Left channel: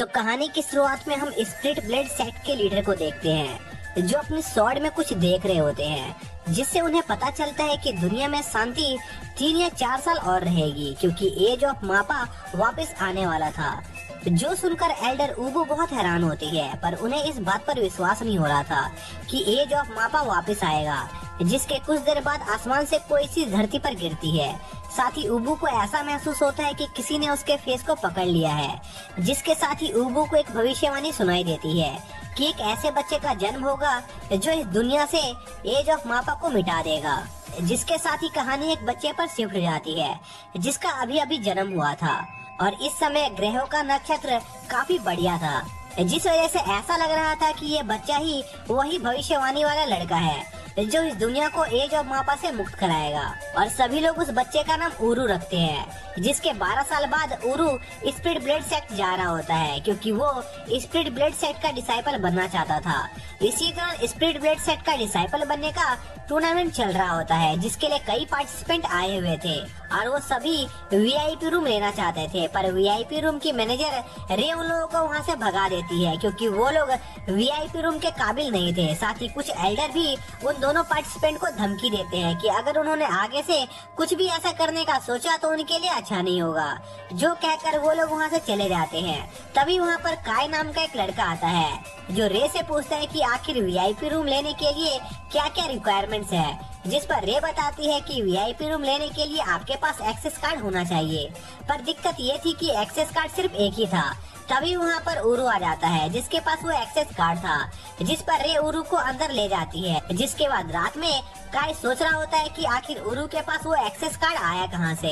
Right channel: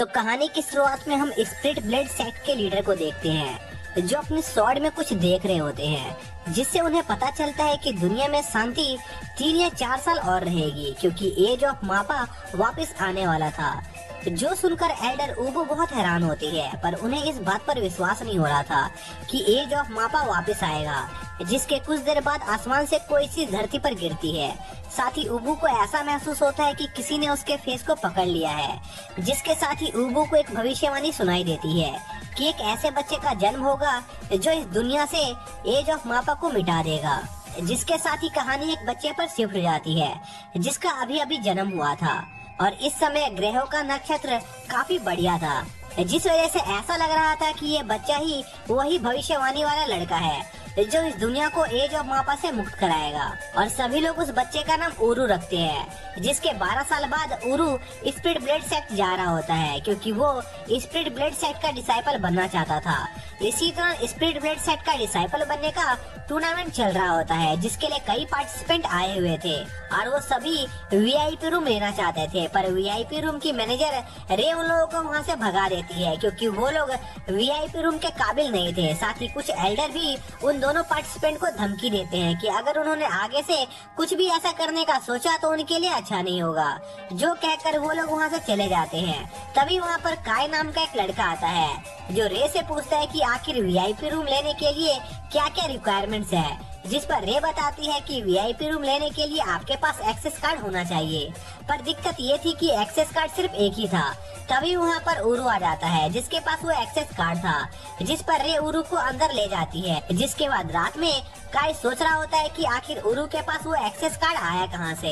तो कहानी की शुरुआत में हम स्प्लिट ब्लेड सेक्ट के लीडर को देखते हैं, जो अपने स्वॉर्ड में कुछ देख रहे होते हैं, जिससे उन्हें पता चलता है कि दुनिया में शांति 3 या 4 साल और रहेगी, क्योंकि एज ऑफ मापा वापस आने वाला था। जो सुनकर एल्डर उबू बहुत हैरान होती है, पर उन्हें इस बात पर विश्वास नहीं हो रहा था कि एज ऑफ मापा वापस आएगा। जिसके कुछ देर बाद आसमान से कोई चीज धरती पर गिरती है। साथ ही उबू को ऐसा महसूस होता है कि किसी ने उसके फेस को पकड़ लिया है, जिसके साथ ही उबू को एक भविष्यवाणी सुनाई देती है कि एक ऐसे बच्चे का जन्म होगा जो इस दुनिया से एज ऑफ मापा को मिटा देगा। जिसके साथ ही कहानी एक बच्चे पर शिफ्ट हो जाती है, जिसका अभी अभी जन्म हुआ था, और इस समय ग्रहों का नक्षत्र काफी बढ़िया था, जिस वजह से ऐसा लग रहा था कि ये बच्चा ही वही भविष्यवाणी वाला लड़का है जो इस दुनिया को एज ऑफ मापा से मुक्त कराएगा। और सभी लोग उस बच्चे का नाम उरू रखते हैं, जिसके 12 साल बाद उरू स्प्लिट ब्लेड सेक्ट जा रहा होता है, क्योंकि वो स्प्लिट ब्लेड सेक्ट का डिसाइपल बनना चाहता था। इसी दौरान स्प्लिट ब्लेड सेक्ट का डिसाइपल बनने का टूर्नामेंट चल रहा होता है, जिसके लिए कई पार्टिसिपेंट आए हुए थे और वो सभी वीआईपी रूम लेना चाहते थे, पर वीआईपी रूम की मैनेजर रे उन लोगों को वहाँ से भगा देती है, क्योंकि वो लोग वीआईपी रूम के काबिल नहीं थे। साथ ही कुछ एल्डर भी उन दोनों पार्टिसिपेंट को धमकी देते हैं कि अगर उन्होंने आगे से कुछ भी ऐसा करने का सोचा तो उनके लिए अच्छा नहीं होगा, जो कहकर वो लोग वहाँ से चले जाते हैं। तभी वहाँ पर काय नाम का एक लड़का आता है, जो रे से पूछता है कि आखिर वीआईपी रूम लेने के लिए क्या क्या रिक्वायरमेंट्स है, जिस पर रे बताती है कि वीआईपी रूम लेने के लिए आपके पास एक्सेस कार्ड होना चाहिए। पर दिक्कत ये थी कि एक्सेस कार्ड सिर्फ एक ही था। तभी वहाँ पर उरू आ जाता है, जिसके पास वो एक्सेस कार्ड था, जिस पर रे उरू को अंदर ले जाती है। जिसके बाद रात में काय सोच रहा होता है कि आखिर उरू के पास वो एक्सेस कार्ड आया कहाँ से।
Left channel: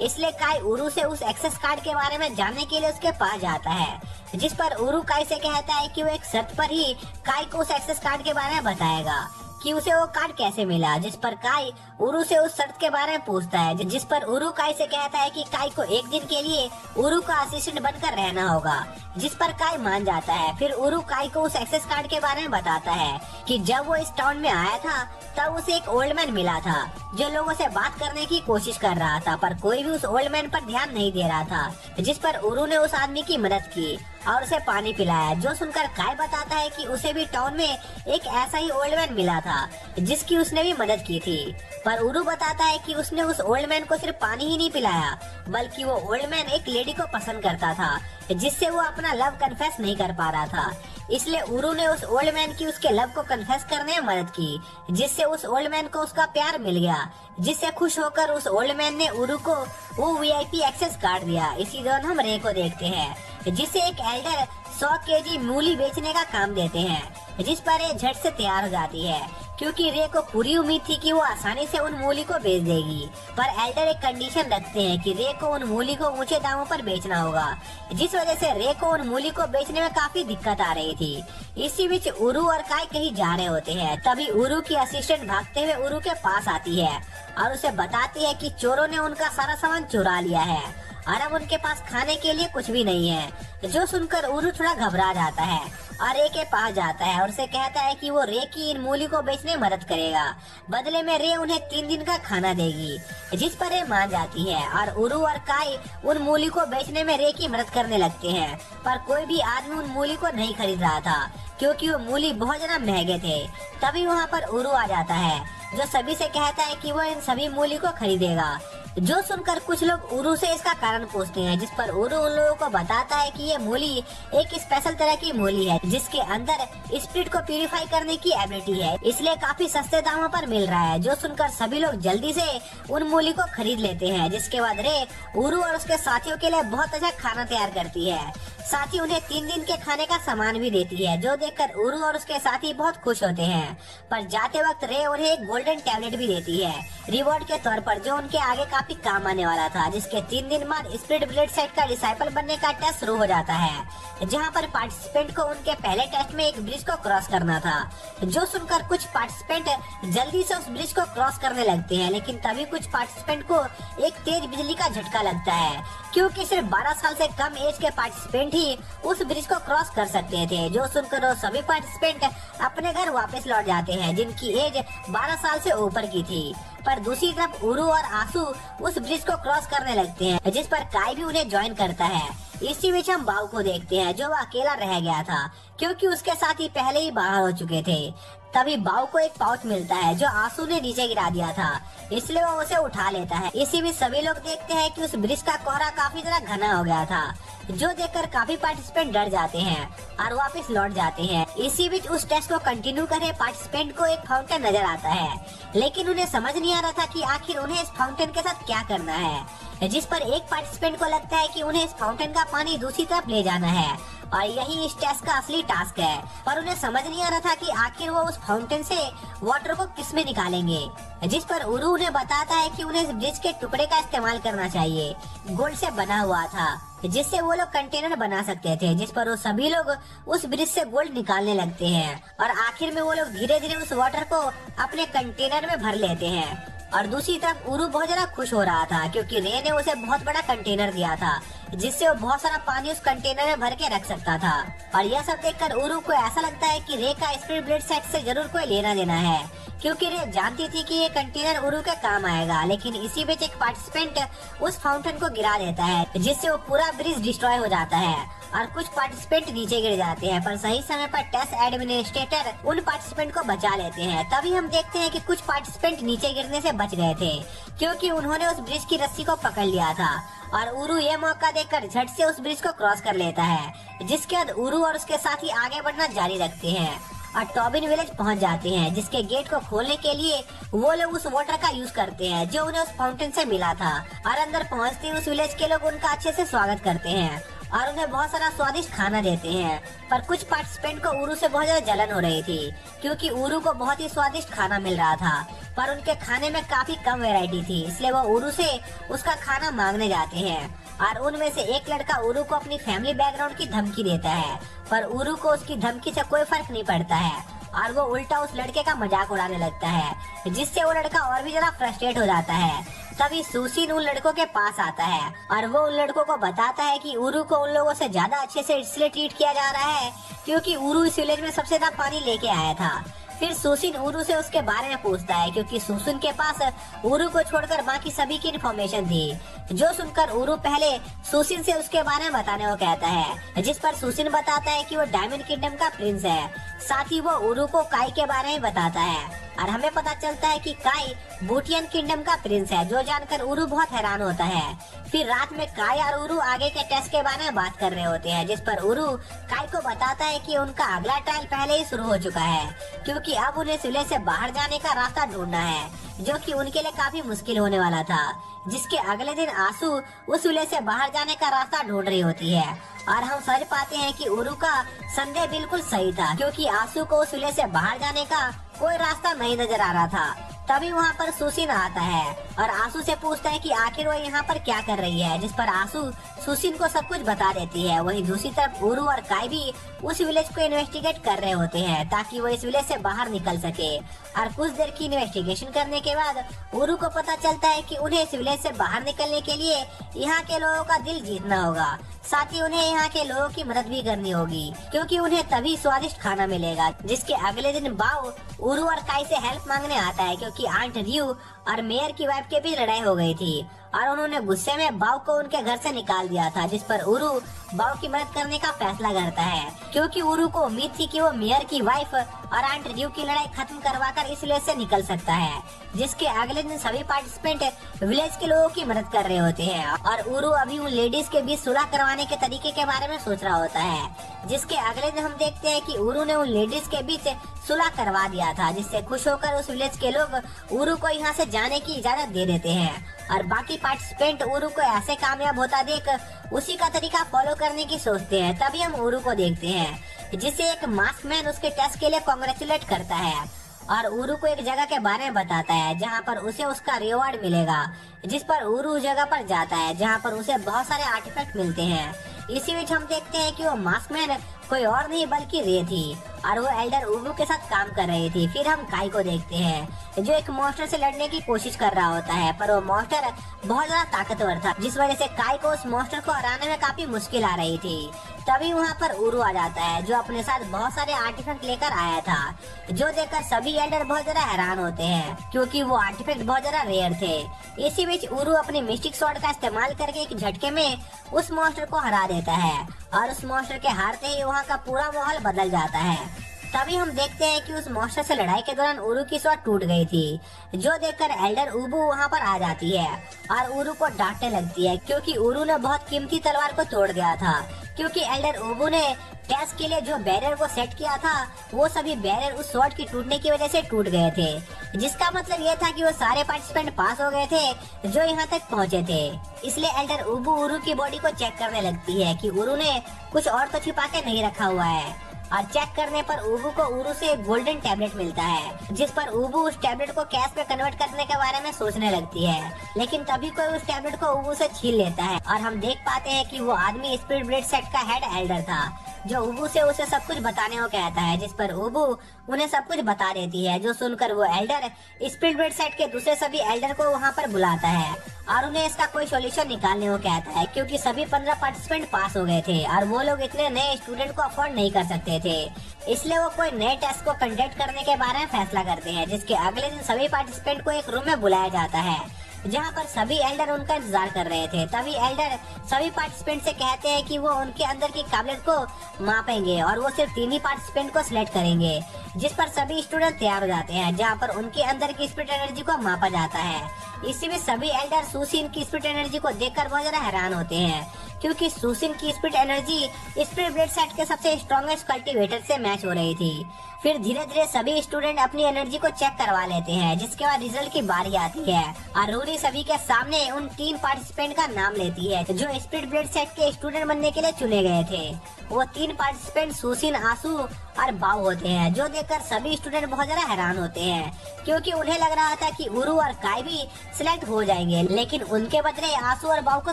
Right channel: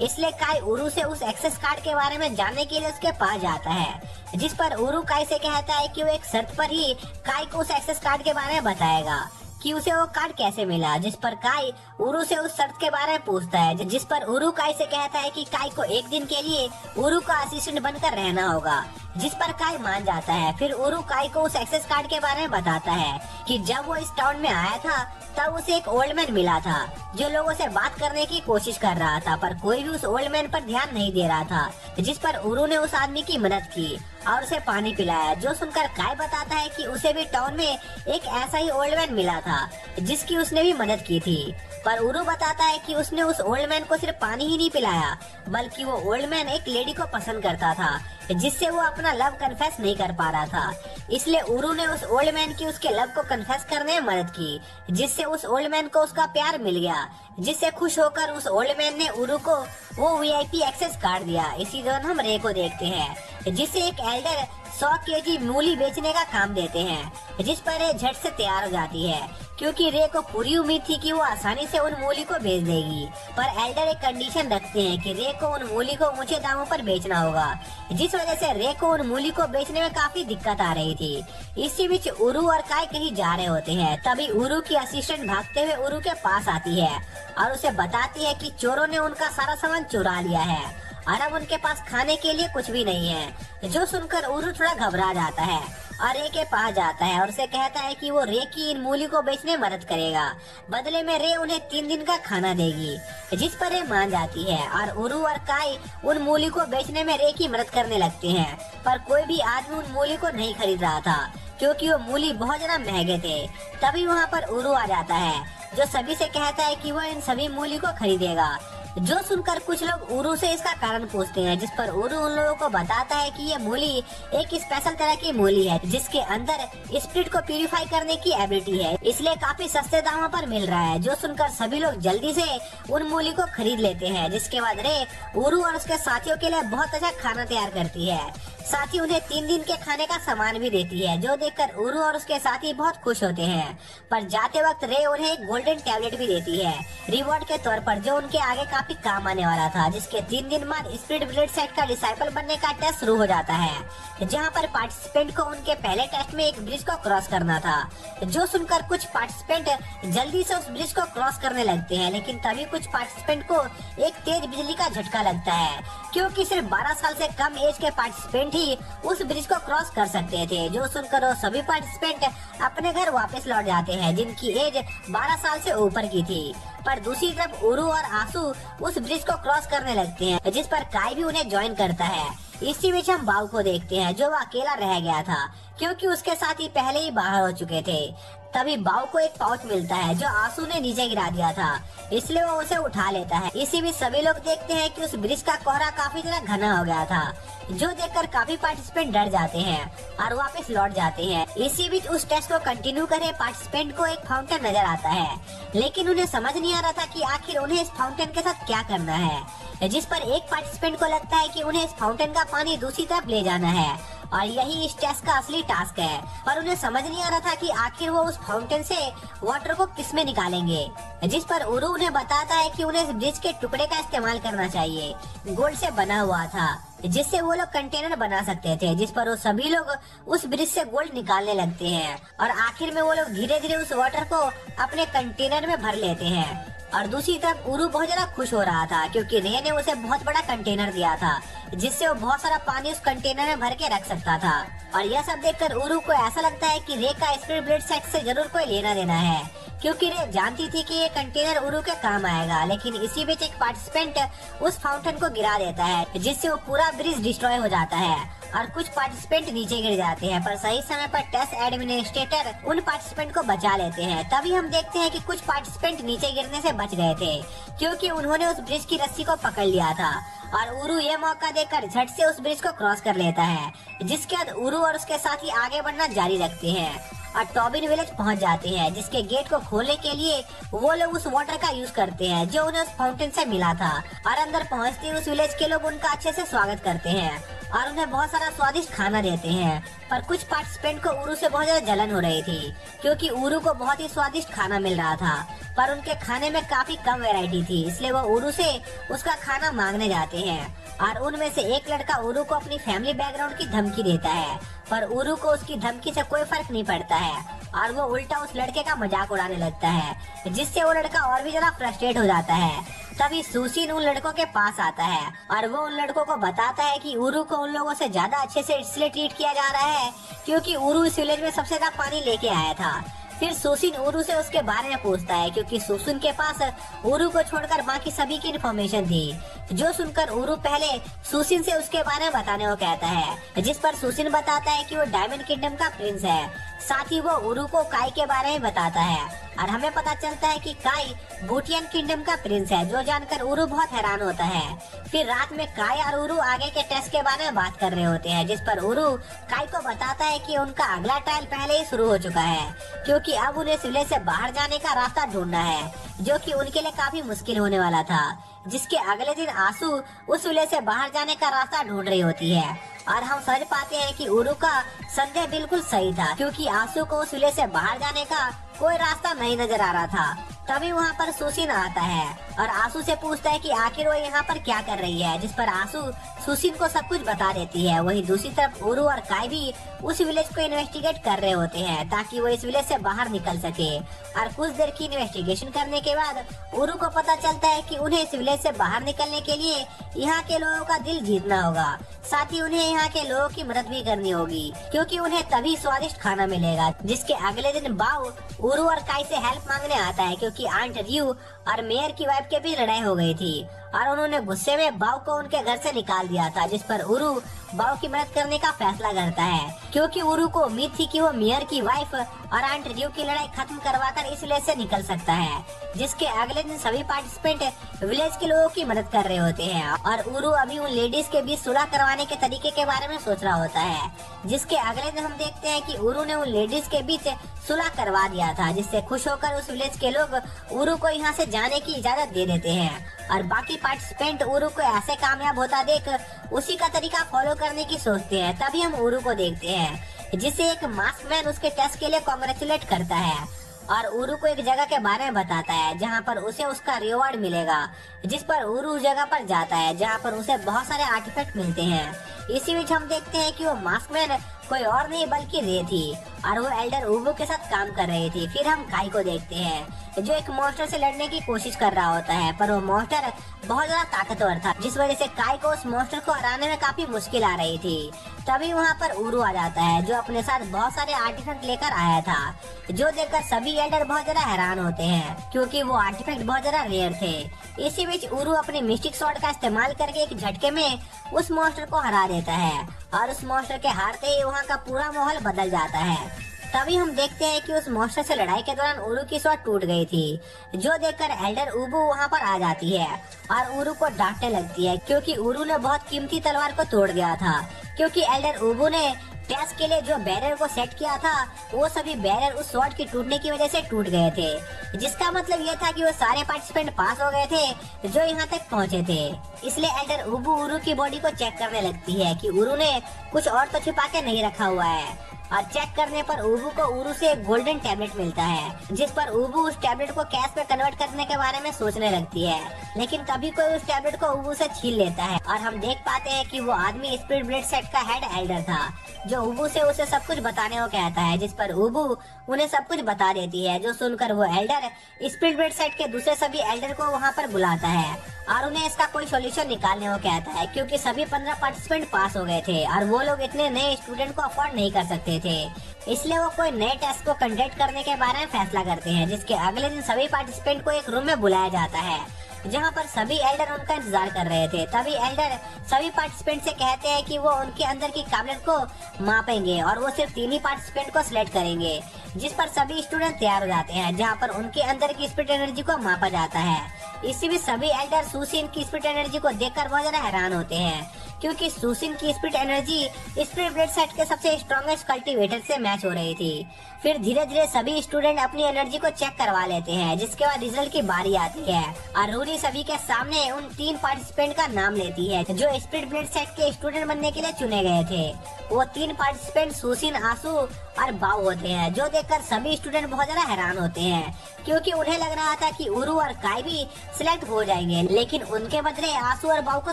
इसलिए काय उरू से उस एक्सेस कार्ड के बारे में जानने के लिए उसके पास जाता है, जिस पर उरू काय से कहता है कि वो एक शर्त पर ही काय को उस एक्सेस कार्ड के बारे में बताएगा कि उसे वो कार्ड कैसे मिला। जिस पर काय उरू से उस शर्त के बारे में पूछता है, जिस पर उरू काय से कहता है कि काय को एक दिन के लिए उरू का असिस्टेंट बनकर रहना होगा, जिस पर काय मान जाता है। फिर उरू काय को उस एक्सेस कार्ड के बारे में बताता है कि जब वो इस टाउन में आया था तब उसे एक ओल्ड मैन मिला था, जो लोगों से बात करने की कोशिश कर रहा था, पर कोई भी उस ओल्ड मैन पर ध्यान नहीं दे रहा था। जिस पर उरू ने उस आदमी की मदद की और उसे पानी पिलाया, जो सुनकर काय बताता है कि उसे भी टाउन में एक ऐसा ही ओल्ड मैन मिला था जिसकी उसने भी मदद की थी। पर उरू बताता है कि उसने उस ओल्ड मैन को सिर्फ पानी ही नहीं पिलाया, बल्कि वो ओल्ड मैन एक लेडी को पसंद करता था, जिससे वो अपना लव कन्फेस नहीं कर पा रहा था। इसलिए उरू ने उस ओल्ड मैन की उसके लव को कन्फेस करने में मदद की, जिससे उस ओल्ड मैन को उसका प्यार मिल गया। जिससे खुश होकर उस ओल्ड मैन ने उरू को वो वीआईपी एक्सेस कार्ड दिया। इसी दौरान हम रे को देखते हैं, जिसे एक एल्डर 100 केजी मूली बेचने का काम देते हैं, जिस पर रे झट से तैयार हो जाती है, क्योंकि रे को पूरी उम्मीद थी कि वो आसानी से उन मूली को बेच देगी। पर एल्डर एक कंडीशन रखते हैं कि रे को उन मूली को ऊंचे दामों पर बेचना होगा, जिस वजह से रे को उन मूली को बेचने में काफी दिक्कत आ रही थी। इसी बीच उरू और काय कहीं जा रहे होते हैं। तभी उरू की असिस्टेंट भागते हुए उरू के पास आती है और उसे बताती है कि चोरों ने उनका सारा सामान चुरा लिया है और अब उनके पास खाने के लिए कुछ भी नहीं है। जो सुनकर उरू थोड़ा घबरा जाता है और रे के पास जाता है और उसे कहता है कि वो रे की इन मूली को बेचने में मदद करेगा, बदले में रे उन्हें 3 दिन का खाना देगी। जिस पर रे मान जाती है और उरू और काय उन मूली को बेचने में रे की मदद करने लगते हैं। पर कोई भी आदमी उन मूली को नहीं खरीद रहा था, क्योंकि वो मूली बहुत ज्यादा महंगे थे। तभी वहाँ पर उरू आ जाता है, जो सभी से कहता है कि वो इन सभी मूली को खरीदेगा। जो सुनकर कुछ लोग उरू से इसका कारण पूछते हैं, जिस पर उरू उन लोगों को बताता है कि ये मूली एक स्पेशल तरह की मूली है, जिसके अंदर स्पिरिट को प्यूरिफाई करने की एबिलिटी है, इसलिए काफी सस्ते दामों पर मिल रहा है। जो सुनकर सभी लोग जल्दी से उन मूली को खरीद लेते हैं। जिसके बाद रे उरू और उसके साथियों के लिए बहुत अच्छा खाना तैयार करती है, साथ ही उन्हें 3 दिन के खाने का सामान भी देती है, जो देखकर उरू और उसके साथी बहुत खुश होते हैं। पर जाते वक्त रे उन्हें एक गोल्डन टैबलेट भी देती है रिवॉर्ड के तौर पर, जो उनके आगे काफी काम आने वाला था। जिसके 3 दिन बाद स्प्लिट ब्लेड सेक्ट का डिसाइपल बनने का टेस्ट शुरू हो जाता है, जहाँ पर पार्टिसिपेंट को उनके पहले टेस्ट में एक ब्रिज को क्रॉस करना था। जो सुनकर कुछ पार्टिसिपेंट जल्दी से उस ब्रिज को क्रॉस करने लगते हैं, लेकिन तभी कुछ पार्टिसिपेंट को एक तेज बिजली का झटका लगता है, क्योंकि सिर्फ 12 साल से कम एज के पार्टिसिपेंट ही उस ब्रिज को क्रॉस कर सकते थे। जो सुनकर वो सभी पार्टिसिपेंट अपने घर वापस लौट जाते हैं, जिनकी एज 12 साल से ऊपर की थी। पर दूसरी तरफ उरू और आंसू उस ब्रिज को क्रॉस करने लगते हैं, जिस पर काय भी उन्हें ज्वाइन करता है। इसी बीच हम बाव को देखते हैं जो अकेला रह गया था क्योंकि उसके साथी पहले ही बाहर हो चुके थे। तभी बाव को एक पाउच मिलता है जो आंसू ने नीचे गिरा दिया था, इसलिए वो उसे उठा लेता है। इसी बीच सभी लोग देखते हैं कि उस ब्रिज का कोहरा काफी ज्यादा घना हो गया था, जो देखकर काफी पार्टिसिपेंट डर जाते हैं और वापस लौट जाते हैं। इसी बीच उस टेस्ट को कंटिन्यू करे पार्टिसिपेंट को एक फाउंटेन नजर आता है, लेकिन उन्हें समझ नहीं आ रहा था कि आखिर उन्हें इस फाउंटेन के साथ क्या करना है, जिस पर एक पार्टिसिपेंट को लगता है कि उन्हें इस फाउंटेन का पानी दूसरी तरफ ले जाना है और यही इस टेस्ट का असली टास्क है। पर उन्हें समझ नहीं आ रहा था कि आखिर वो उस फाउंटेन से वाटर को किस में निकालेंगे, जिस पर उरू उन्हें बताता है कि उन्हें इस ब्रिज के टुकड़े का इस्तेमाल करना चाहिए, गोल्ड से बना हुआ था, जिससे वो लोग कंटेनर बना सकते थे। जिस पर वो सभी लोग उस ब्रिज से गोल्ड निकालने लगते हैं और आखिर में वो लोग धीरे धीरे उस वाटर को अपने कंटेनर में भर लेते हैं। और दूसरी तरफ उरू बहुत ज्यादा खुश हो रहा था क्योंकि रे ने उसे बहुत बड़ा कंटेनर दिया था, जिससे वो बहुत सारा पानी उस कंटेनर में भर के रख सकता था। और यह सब देखकर उरू को ऐसा लगता है कि रे का स्पिरिट ब्लेड सेट से जरूर कोई लेना देना है, क्योंकि रे जानती थी कि ये कंटेनर उरू के काम आएगा। लेकिन इसी बीच एक पार्टिसिपेंट उस फाउंटेन को गिरा देता है, जिससे वो पूरा ब्रिज डिस्ट्रॉय हो जाता है और कुछ पार्टिसिपेंट नीचे गिर जाते हैं। पर सही समय पर टेस्ट एडमिनिस्ट्रेटर उन पार्टिसिपेंट को बचा लेते हैं। तभी हम देखते हैं कि कुछ पार्टिसिपेंट नीचे गिरने से बच गए थे क्योंकि उन्होंने उस ब्रिज की रस्सी को पकड़ लिया था और उरू ये मौका देखकर झट से उस ब्रिज को क्रॉस कर लेता है, जिसके बाद उरू और उसके साथी आगे बढ़ना जारी रखते हैं और टॉबिन विलेज पहुंच जाते हैं, जिसके गेट को खोलने के लिए वो लोग उस वाटर का यूज करते हैं जो उन्हें उस फाउंटेन से मिला था। और अंदर पहुंचते ही उस विलेज के लोग उनका अच्छे से स्वागत करते हैं और उन्हें बहुत सारा स्वादिष्ट खाना देते हैं। पर कुछ पार्टिसिपेंट को उरू से बहुत ज्यादा जलन हो रही थी क्योंकि उरू को बहुत ही स्वादिष्ट खाना मिल रहा था, पर उनके खाने में काफी कम वैरायटी थी, इसलिए वो उरू से उसका खाना मांगने जाते हैं। और उनमें से एक लड़का उरू को अपनी फैमिली बैकग्राउंड की धमकी देता है, पर उरू को उसकी धमकी से कोई फर्क नहीं पड़ता है और वो उल्टा उस लड़के का मजाक उड़ाने लगता है, जिससे वो लड़का और भी ज्यादा फ्रस्ट्रेट हो जाता है। तभी सुशीन उन लड़कों के पास आता है और वो उन लड़कों को बताता है कि उरू को उन लोगों से ज्यादा अच्छे से इसलिए ट्रीट किया जा रहा है क्योंकि उरू इस विलेज में सबसे ज्यादा पानी लेके आया था। फिर सुशीन उरू से उसके बारे में पूछता है क्योंकि सुशीन के पास उरू को छोड़कर बाकी सभी की इन्फॉर्मेशन थी, जो सुनकर उरू पहले सुशीन से उसके बारे में बताने को कहता है, जिस पर सुशीन बताता है कि वो डायमंड किंगडम का प्रिंस है। साथ ही वो उरू को काई के बारे में बताता है और हमें पता चलता है कि काई बूटियन किंगडम का प्रिंस है, जो जानकर उरू बहुत हैरान होता है। फिर रात में काई और उरू आगे के टेस्ट के बारे में बात कर रहे होते हैं, जिस पर उरू काई को बताता है कि उनका अगला ट्रायल पहले ही शुरू हो चुका है क्योंकि अब उन्हें विलेज से बाहर जाने का रास्ता ढूंढना है, जो कि उनके लिए काफी मुश्किल होने वाला था। जिसके अगले दिन आंसू उस विलेज से बाहर जाने का रास्ता ढूंढ रही होती है और हम समझ पाते हैं कि उरू का संदेह बिल्कुल सही था क्योंकि आंसू को उस विलेज से बाहर जाने का कोई रास्ता नहीं नजर आ रहा था। तभी वहाँ पर सुशीन आता है और आंसू से पूछता है कि आखिर वो यहाँ पर क्या कर रही है, जिस पर आंसू सुशीन को सब कुछ बता देती है। वहीं दूसरी तरफ उरू और काई भी उस विलेज को इन्वेस्टिगेट कर रहे होते हैं ताकि वो इस विलेज से बाहर निकल सके। और कुछ देर की इन्वेस्टिगेशन करने के बाद उरू को पता चलता है कि उन्हें इस विलेज से बाहर निकलने के लिए यहाँ के लोगों का दिल जीतना होगा, साथ ही उन्हें यहाँ के लोगों की मदद भी करनी होगी क्योंकि उन्हें तभी स्वादिष्ट खाना मिलेगा। जिसके अगले दिन बाव उरू और काई से हेल्प मांगने आता है क्योंकि आंट रियू और मेयर की वाइफ के भी लड़ाई हो गई थी और उन्होंने गुस्से में बाव को उनके घर से निकाल दिया था, जिस पर उरू बाव की मदद करने का फैसला करता है क्योंकि उरू को उम्मीद थी कि वो मेयर की वाइफ और आंट रियू की लड़ाई खत्म करवाकर इस विलेज से निकल सकता है। जिसके अगले दिन सभी पार्टिसिपेंट विलेज के लोगों की मदद कर रहे होते हैं और उरू अभी उन लेडीज के बीच सुलह करवाने के तरीके के बारे में सोच रहा होता है। जिसके अगले दिन हम देखते हैं कि उरू ने उन लेडीज के बीच सुलह करवा दिया था, जिससे खुश होकर उस विलेज के लोग उरू को यहाँ से जाने की इजाजत दे देते हैं और बाकी पार्टिसिपेंट उरू को ऐसे कामयाब होता देख उसी का तरीका फॉलो करने की सोचते हैं। तभी हम उरू को देखते हैं जिसे एक मास्क मैन उसके टेस्ट के लिए कांग्रेचुलेट करता है और उरू को एक जगह के बारे में बताता है जहाँ पर उसे उसका रिवॉर्ड मिलेगा, जिस पर उरू उस जगह पर जाता है जहाँ पर उसे बहुत सारे आर्टिफैक्ट मिलते हैं। इसी बीच हम देखते हैं कि वो मास्क मैन कोई और नहीं बल्कि रे थी और वो एल्डर उबू के साथ काम कर रही थी। फिर हम काई को देखते हैं जो एक मॉन्स्टर से लड़ने की कोशिश कर रहा होता है, पर वो मॉन्स्टर बहुत ज्यादा ताकतवर था, जिस वजह से काई को उस मॉन्स्टर को हराने में काफी मुश्किल आ रही थी। तभी वहाँ पर उरू आ जाता है, जो अपने साथ बहुत सारे आर्टिफैक्ट लेकर आया था, जो देखकर सभी एल्डर बहुत ज्यादा हैरान होते हैं क्योंकि वो आर्टिफैक्ट बहुत ज्यादा रेयर थे। इसी बीच उरू अपने मिस्टिक स्वॉर्ड का इस्तेमाल करके एक झटके में उस मॉन्स्टर को हरा देता है और उस मॉन्स्टर के हारते ही वहाँ का पूरा माहौल बदल जाता है। तभी हम देखते हैं कि उस मॉन्स्टर से लड़ाई के दौरान उरू की स्वॉर्ड टूट गई थी, जो देखकर एल्डर उबू वहाँ पर आ जाती है और उरू को डांटने लगती है क्योंकि उरू ने बहुत कीमती तलवार को तोड़ दिया था। क्योंकि एल्डर उबू ने टेस्ट के लिए जो बैरियर को सेट किया था, वो सभी बैरियर उस स्वॉर्ड की टूटने की वजह से टूट गए थे, जिसका मतलब ये था कि वो सारे पार्टिसिपेंट पास हो गए थे जो यहाँ तक पहुँचे थे। इसलिए एल्डर उबू उरू की बॉडी को चेक करने लगती है कि उरू ने कुछ और तो छुपा के नहीं रखा हुआ है, और चेक करने पर उबू को उरू से एक गोल्डन टैबलेट मिलता है, जिस पर उबू उस टैबलेट को कैश में कन्वर्ट करने के बारे में सोचने लगती है। लेकिन तभी कोई उस टैबलेट को उबू से छीन लेता है और हम देख पाते हैं कि वो आदमी स्पिरिट ब्लेड सेट का हेड एल्डर था, जो उबू से उसे सब कुछ बताने को कहता है, जिस पर उबू उन्हें सब कुछ बता देती है, जो सुनकर वो एल्डर स्पिरिट ब्लेड सेट के दूसरे सभी एल्डर को वहाँ पर बुलाता है और उन्हें इसका कोई सॉल्यूशन निकालने को कहता है, क्योंकि सभी 15 पार्टिसिपेंट पास हो गए थे और वो लोग इतने नए स्टूडेंट को अफोर्ड नहीं कर सकते थे। इसलिए वो कोई नए टेस्ट को कंडक्ट करने के बारे में फैसला करते हैं, जिसके अगले दिन सभी पार्टिसिपेंट को एक रूम में बुलाया जाता है, जहाँ पर सभी एल्डर उनका इंतजार कर रहे थे। तभी एल्डर सभी पार्टिसिपेंट से कहते हैं कि वो उनके अंदर की काबिलियत को मापेंगे और वो सिर्फ 3 ही पार्टिसिपेंट को सिलेक्ट करेंगे, जिस पर सभी स्टूडेंट तैयार हो जाते हैं, जहाँ पर उनके अंदर की स्पिरिट एनर्जी को मापा जाता है। इसी में सभी एल्डर सुसिन की स्पिरिट एनर्जी को देखकर बहुत ज्यादा हैरान होते हैं, क्योंकि सुसिन की spirit energy spirit blade set के सबसे स्ट्रॉन्गेस्ट कल्टीवेटर से मैच हो रही थी। फिर धीरे धीरे सभी स्टूडेंट अपनी एनर्जी को चेक करवा लेते हैं, जिसके बाद रिजल्ट की बारी आती है और रूरी सभी के सामने उन 3 पार्टिसिपेंट का नाम लेती है जो स्पिरिट ब्लेड सेट के स्टूडेंट बनने के लिए चुने गए थे। वो 3 पार्टिसिपेंट सुसिन, आसू और बाऊ होते हैं, जो देखकर सभी स्टूडेंट बहुत ज्यादा हैरान होते हैं, क्योंकि उन्हें लग रहा था कि उरू और काई भी सिलेक्ट हो जाएंगे, लेकिन उनके बदले आसू और बाऊ को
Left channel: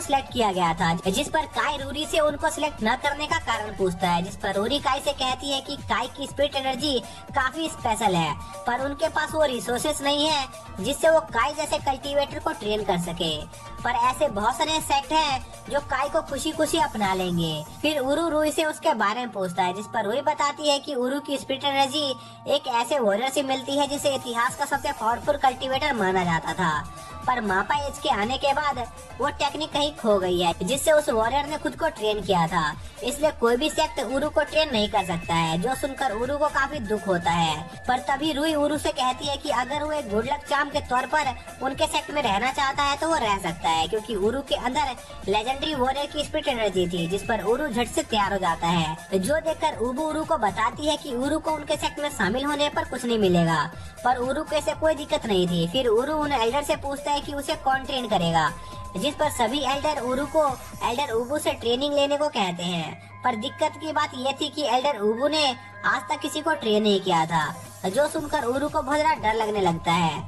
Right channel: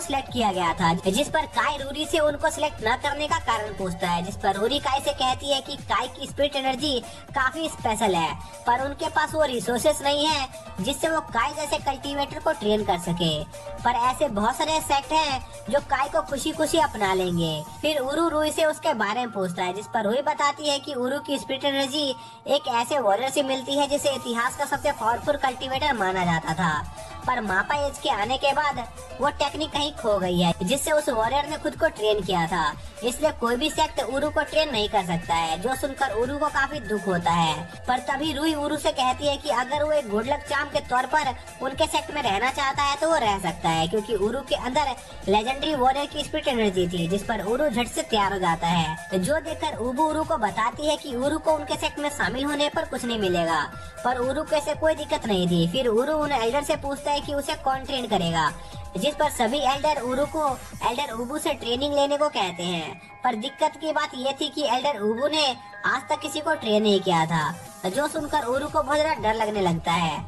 सिलेक्ट किया गया था, जिस पर काई रूरी से उनको सिलेक्ट न करने का कारण पूछता है, जिस पर रूरी काई से कहती है कि काई की स्पिरिट एनर्जी काफी स्पेशल है, पर उनके पास वो रिसोर्सेस नहीं है जिससे वो काई जैसे कल्टीवेटर को ट्रेन कर सके। पर ऐसे बहुत सारे सेट हैं जो काई को खुशी खुशी अपना लेंगे। फिर उरू रूई से उसके बारे में पूछता है, जिस पर रूई बताती है कि उरू की स्पिरिट एनर्जी एक ऐसे वॉरियर से मिलती है जिसे इतिहास का सबसे पावरफुल कल्टीवेटर माना जाता था, पर मापा एज के आने के बाद वो टेक्निक कहीं खो गई है, जिससे उस वॉरियर ने खुद को ट्रेन किया था। इसलिए कोई भी सेक्ट उरू को ट्रेन नहीं कर सकता है, जो सुनकर उरू को काफी दुख होता है। पर तभी रूई उरू से कहती है कि अगर वो एक गुड लक चार्म के तौर पर उनके सेक्ट में रहना चाहता है तो वो रह सकता है, क्योंकि उरू के अंदर लेजेंडरी वॉरियर की स्पिरिट एनर्जी थी, जिस पर उरू झट से तैयार हो जाता है, जो देखकर उबू उरू को बताती है कि उरू को उनके सेक्ट में शामिल होने पर कुछ नहीं मिलेगा, पर उरू को ऐसे कोई दिक्कत नहीं थी। फिर उरू उन एल्डर से पूछता है कि उसे कौन ट्रेन करेगा, जिस पर सभी एल्डर उरू को एल्डर उबू से ट्रेनिंग लेने को कहते हैं। पर दिक्कत की बात ये थी कि एल्डर उबू ने आज तक किसी को ट्रेन नहीं किया था, जो सुनकर उरू को बहुत ज्यादा डर लगने लगता है,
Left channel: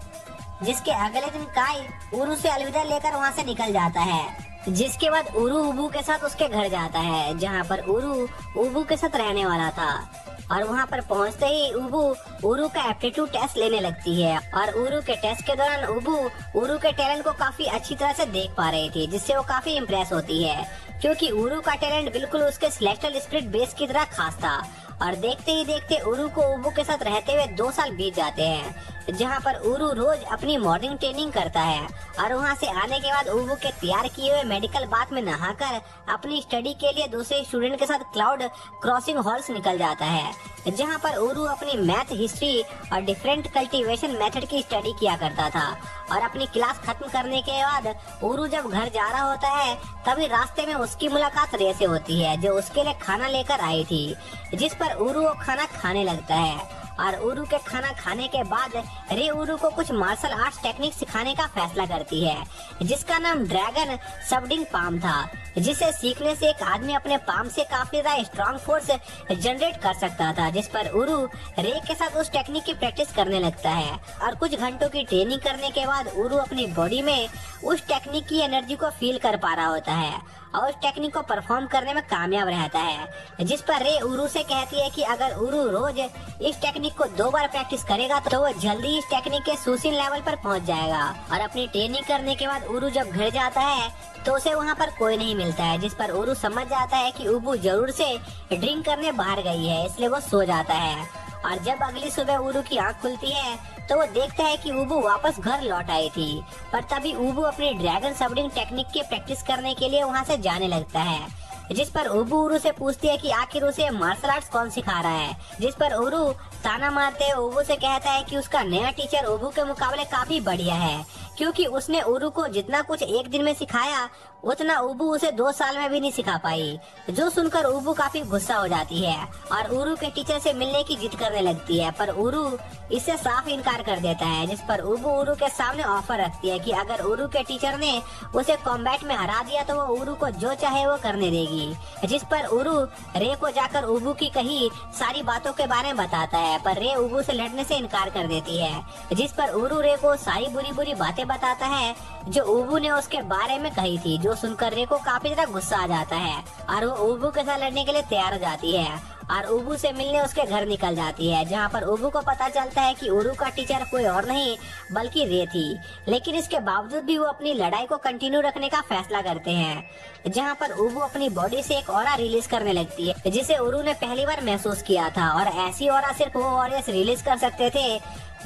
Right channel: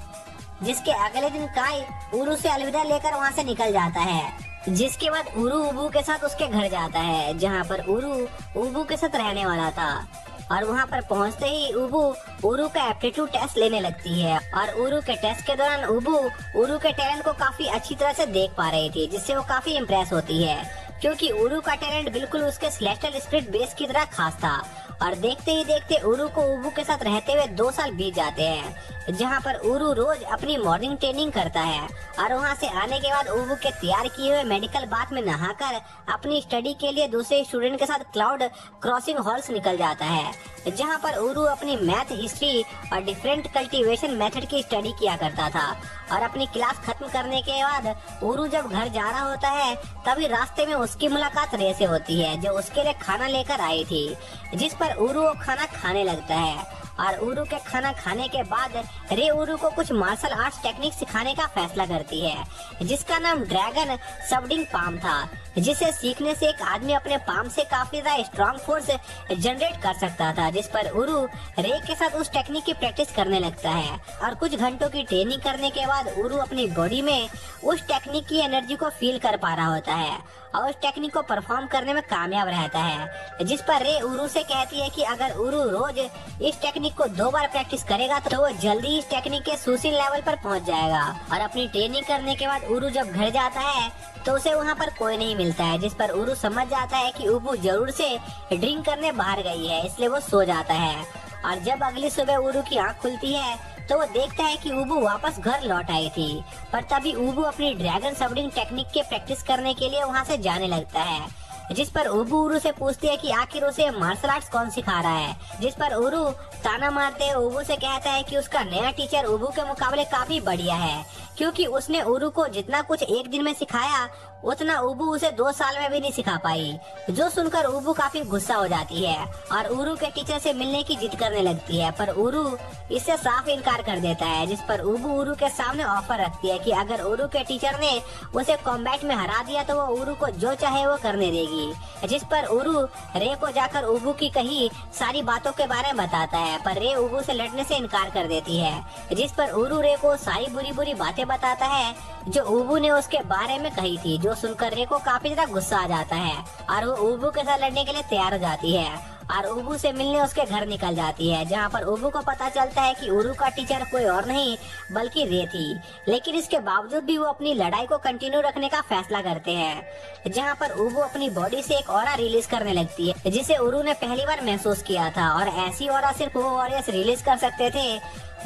जिसके अगले दिन काई उरू से अलविदा लेकर वहाँ से निकल जाता है, जिसके बाद उरू उबू के साथ उसके घर जाता है, जहाँ पर उरू उबू के साथ रहने वाला था। और वहाँ पर पहुँचते ही उबू उरू का एप्टीट्यूड टेस्ट लेने लगती है और उरू के टेस्ट के दौरान उबू उरू के टैलेंट को काफी अच्छी तरह से देख पा रही थी, जिससे वो काफी इम्प्रेस होती है, क्योंकि उरू का टैलेंट बिल्कुल उसके सेलेस्टियल स्पिरिट बेस की तरह खास था। और देखते ही देखते उरू को उबू के साथ रहते हुए 2 साल बीत जाते हैं, जहाँ पर उरू रोज अपनी मॉर्निंग ट्रेनिंग करता है और वहाँ से आने के बाद उबू के तैयार किए हुए मेडिकल बाथ में नहाकर अपनी स्टडी के लिए दूसरे स्टूडेंट के साथ क्लाउड क्रॉसिंग हॉल्स निकल जाता है, जहाँ पर उरू अपनी मैथ, हिस्ट्री और डिफरेंट कल्टीवेशन मेथड की स्टडी किया करता था। और अपनी क्लास खत्म करने के बाद उरू जब घर जा रहा होता है, तभी रास्ते में उसकी मुलाकात रे से होती है, जो उसके लिए खाना लेकर आई थी, जिस पर उरू खाना खाने लगता है। और उरू के खाना खाने के बाद रे उरू को कुछ मार्शल आर्ट्स टेक्निक सिखाने का फैसला करती है, जिसका नाम ड्रैगन सबडिंग पाम था, जिसे सीखने से एक आदमी अपने पाम से काफी ज्यादा स्ट्रॉन्ग फोर्स जनरेट कर सकता था, जिस पर उरू रे के साथ उस टेक्निक की प्रैक्टिस करने लगता है। और कुछ घंटों की ट्रेनिंग करने के बाद उरू अपनी बॉडी में उस टेक्निक की एनर्जी को फील कर पा रहा होता है और उस टेक्निक को परफॉर्म करने में कामयाब रहता है, जिस पर रे उरू से कहती है कि अगर उरू रोज इस टेक्निक टेक्निक को 2 बार प्रैक्टिस करेगा तो वो जल्दी इस टेक्निक के सुशील लेवल पर पहुंच जाएगा। और अपनी ट्रेनिंग करने के बाद उरू जब घर जाता है तो उसे वहाँ पर कोई नहीं मिलता है, जिस पर उरू समझ जाता है कि उबू जरूर से ड्रिंक करने बाहर गई है, इसलिए वो सो जाता है। और जब अगली सुबह उरू की आँख खुलती है तो वो देखता है कि उबू वापस घर लौट आई थी। पर तभी उबू अपनी ड्रैगन सबडिंग टेक्निक के प्रैक्टिस करने के लिए वहाँ से जाने लगता है, जिस पर उबू उरू से पूछती है कि आखिर उसे मार्शल आर्ट्स कौन सिखा रहा है। जिस पर उरू ताना मारते हुए उबू से कहता है कि उसका नया टीचर उबू के मुकाबले काफी बढ़िया है, क्योंकि उसने उरू को जितना कुछ एक दिन में सिखाया उतना उबू उसे 2 साल में भी नहीं सिखा पाई। जो सुनकर उबू काफी गुस्सा हो जाती है और उरू के टीचर से मिलने की जिद करने लगती है, पर उरू इससे साफ इनकार कर देता है। जिस पर उबू उरू के सामने ऑफर रखती है कि अगर उरू के टीचर ने उसे कॉम्बैट में हरा दिया तो वो उरू को जो चाहे वो करने देगी। जिस पर उरू रे को जाकर उबू की कही सारी बातों के बारे में बताता है, पर रे उबू से लड़ने से इनकार कर देती है। जिस पर उरू रे को सारी बुरी बुरी बातें बताता है जो उबू ने उसके बारे में कही थी, जो सुनकर रे को काफी ज्यादा गुस्सा आ जाता है और वो उबू के साथ लड़ने के लिए तैयार हो जाती है और उबू से मिलने उसके घर निकल जाती है, जहाँ पर उबू को पता चलता है कि उरू का टीचर कोई और नहीं बल्कि रे थी। लेकिन इसके बावजूद भी वो अपनी लड़ाई को कंटिन्यू रखने का फैसला करते हैं, जहाँ पर उबू अपनी बॉडी से एक ऑरा रिलीज करने लगती है, जिसे उरू ने पहली बार महसूस किया था। और ऐसी ऑरा सिर्फ वो वॉरियर्स रिलीज कर सकते थे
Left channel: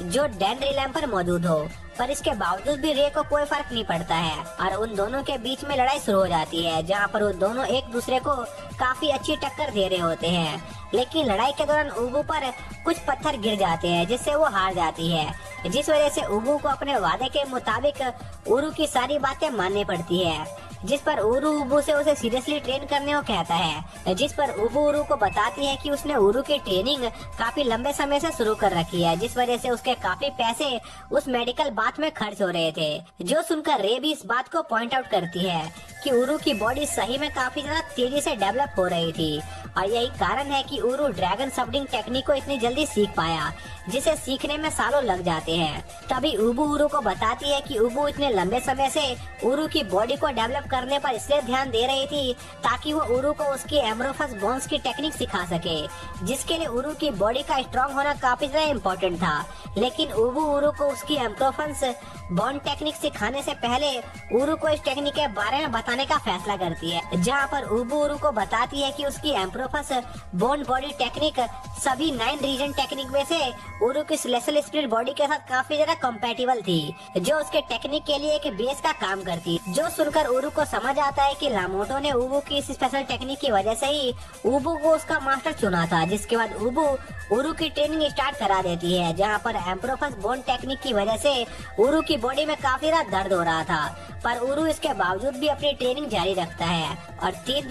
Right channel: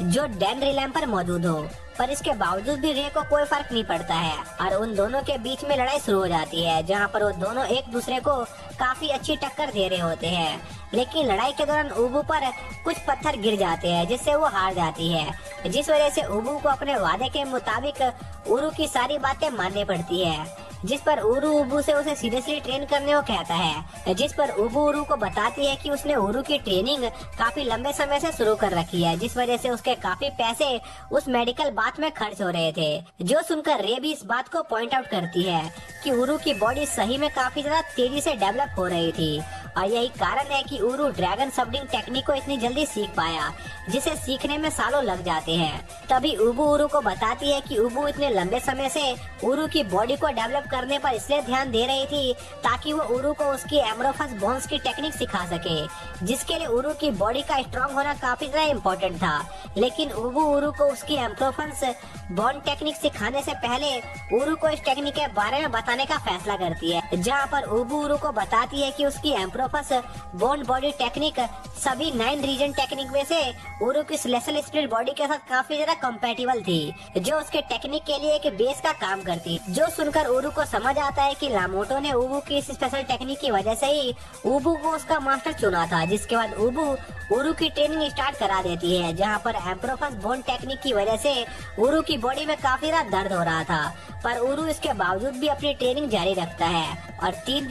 जो डेंड्रिलैम पर मौजूद हो। पर इसके बावजूद भी रे को कोई फर्क नहीं पड़ता है और उन दोनों के बीच में लड़ाई शुरू हो जाती है, जहाँ पर वो दोनों एक दूसरे को काफी अच्छी टक्कर दे रहे होते हैं। लेकिन लड़ाई के दौरान उबू पर कुछ पत्थर गिर जाते हैं, जिससे वो हार जाती है, जिस वजह से उबू को अपने वादे के मुताबिक उरू की सारी बातें माननी पड़ती है। जिस पर उरू उबू से उसे सीरियसली ट्रेन करने को कहता है, जिस पर उबू उरू को बताती है कि उसने उरू की ट्रेनिंग काफी लंबे समय से शुरू कर रखी है, जिस वजह से उसके काफी पैसे उस मेडिकल बात में खर्च हो रहे थे। जो सुनकर रे भी इस बात को पॉइंट आउट करती है कि उरू की बॉडी सही में काफी ज्यादा तेजी से डेवलप हो रही थी और यही कारण है कि उरू ड्रैगन सबडिंग टेक्निक को इतनी जल्दी सीख पाया, जिसे सीखने में सालों लग जाते हैं। तभी उबू उरू को बताती है कि उबू इतने लंबे समय से उरू की बॉडी को डेवलप करने पर इसलिए ध्यान दे रही थी ताकि वो उरू को उसकी एम्ब्रोफस बोन्स की टेक्निक सिखा सके, जिसके लिए उरू की बॉडी का स्ट्रॉन्ग होना काफी ज्यादा इम्पोर्टेंट था। लेकिन उबू उरू को उसकी एम्ब्रोफस बोन टेक्निक सिखाने से पहले उरू को इस टेक्निक के बारे में बताने का फैसला करती है, जहाँ पर उबू उरू को बताती है कि उसकी एम्ब्रोफस बोन बॉडी टेक्निक सभी 9 रीजन टेक्निक में से उरू की सेलेस्टियल स्पिरिट बॉडी के साथ काफी ज्यादा कंपैटिबल थी, जो उसके टेक्निक के लिए एक बेस का काम करती। जो सुनकर उरू को समझ आता है कि लामोटो ने उबू की इस स्पेशल टेक्निक की वजह से ही उबू को उसका मास्टर चुना था। जिसके बाद उबू उरू की ट्रेनिंग स्टार्ट करा देती है, जहाँ पर एम्ब्रोफस बोन टेक्निक की वजह से उरू की बॉडी में काफी ज्यादा दर्द हो रहा था, पर उरू इसके बावजूद भी अपनी ट्रेनिंग जारी रखता है और 3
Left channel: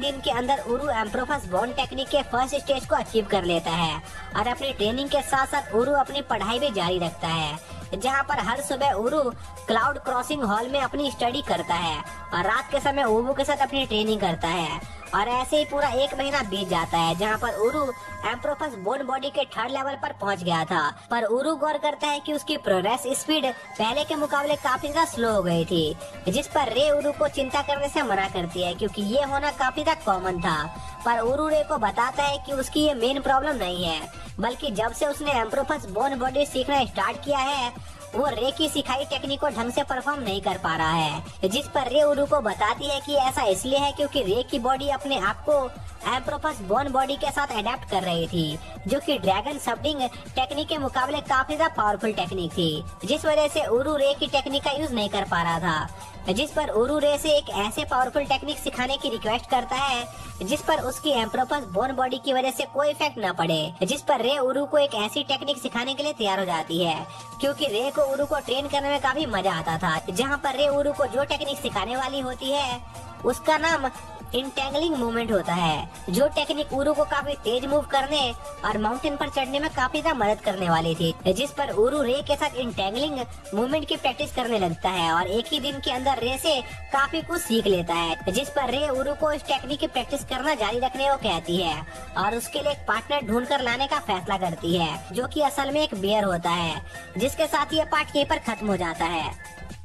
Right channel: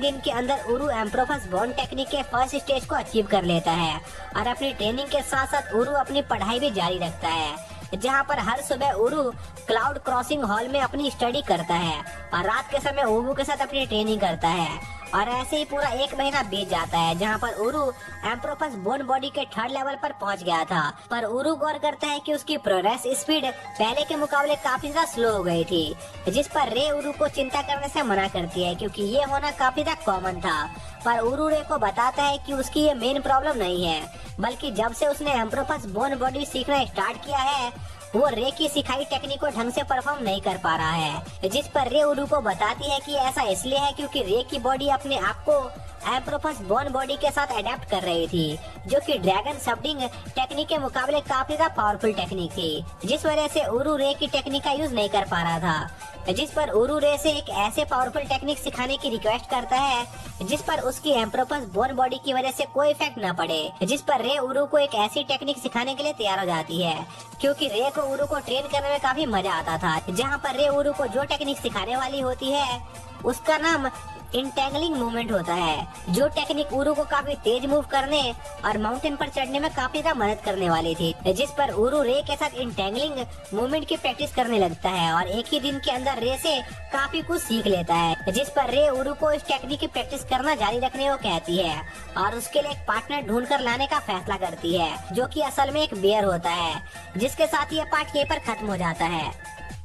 दिन के अंदर उरू एम्ब्रोफस बोन टेक्निक के फर्स्ट स्टेज को अचीव कर लेता है और अपनी ट्रेनिंग के साथ साथ उरू अपनी पढ़ाई भी जारी रखता है, जहाँ पर हर सुबह उरू क्लाउड क्रॉसिंग हॉल में अपनी स्टडी करता है और रात के समय उबू के साथ अपनी ट्रेनिंग करता है। और ऐसे ही पूरा 1 महीना बीत जाता है, जहाँ पर उरू एम्ब्रोफस बोन बॉडी के 3rd लेवल पर पहुँच गया था। पर उरू गौर करता है कि उसकी प्रोग्रेस स्पीड पहले के मुकाबले काफी ज्यादा स्लो हो गई थी, जिस पर रे उरू को चिंता करने से मना करती है, क्योंकि ये होना काफी ज्यादा कॉमन था। पर उरू रे को बताता है कि उसकी ये मेन प्रॉब्लम नहीं है, बल्कि जब से उसने एम्ब्रोफस बोन बॉडी सीखना स्टार्ट किया है वो रे की सिखाई टेक्निक को ढंग से परफॉर्म नहीं कर पा रहा है। जिस पर रे उरू को बताती है कि ऐसा इसलिए है क्योंकि रे की बॉडी अपने आप को एम्ब्रोफस बोन बॉडी के साथ अडेप्ट कर रही थी, जो कि ड्रैगन सबडिंग टेक्निक के मुकाबले काफी ज्यादा पावरफुल टेक्निक थी, जिस वजह से उरू रे की टेक्निक का यूज नहीं कर पा रहा था। जिस पर उरू रे से एक ऐसे पावरफुल टेक्निक सिखाने की रिक्वेस्ट करता है जिस पर उसकी एम्ब्रोफस बोन बॉडी की वजह से कोई इफेक्ट न पड़े, जिस पर रे उरू को एक ऐसी टेक्निक सिखाने के लिए तैयार हो जाती है, क्योंकि रे को उरू को ट्रेन करने में काफी मजा आता था। जहाँ पर रे उरू को जो टेक्निक सिखाने वाली होती है उसका नाम इंटेंगलिंग मूवमेंट होता है, जो टेक्निक उरू को काफी तेज मूव करने और माउंटेन पर चढ़ने में काफी ज्यादा मदद करने वाली थी। जिस पर उरू रे के साथ इंटेंगलिंग मूवमेंट की प्रैक्टिस करने लगता है और एक ही दिन के अंदर रे से काफी कुछ सीख लेता है, जिस पर रे उरू को इस टेक्निक की प्रैक्टिस करना जारी रखने को कहती है और उसके लिए एक पार्टनर ढूंढ कर लाने का फैसला करती है, जो कि असल में एक बेयर होता है। जिसके साथ ये पार्ट यहीं पर खत्म हो जाता है।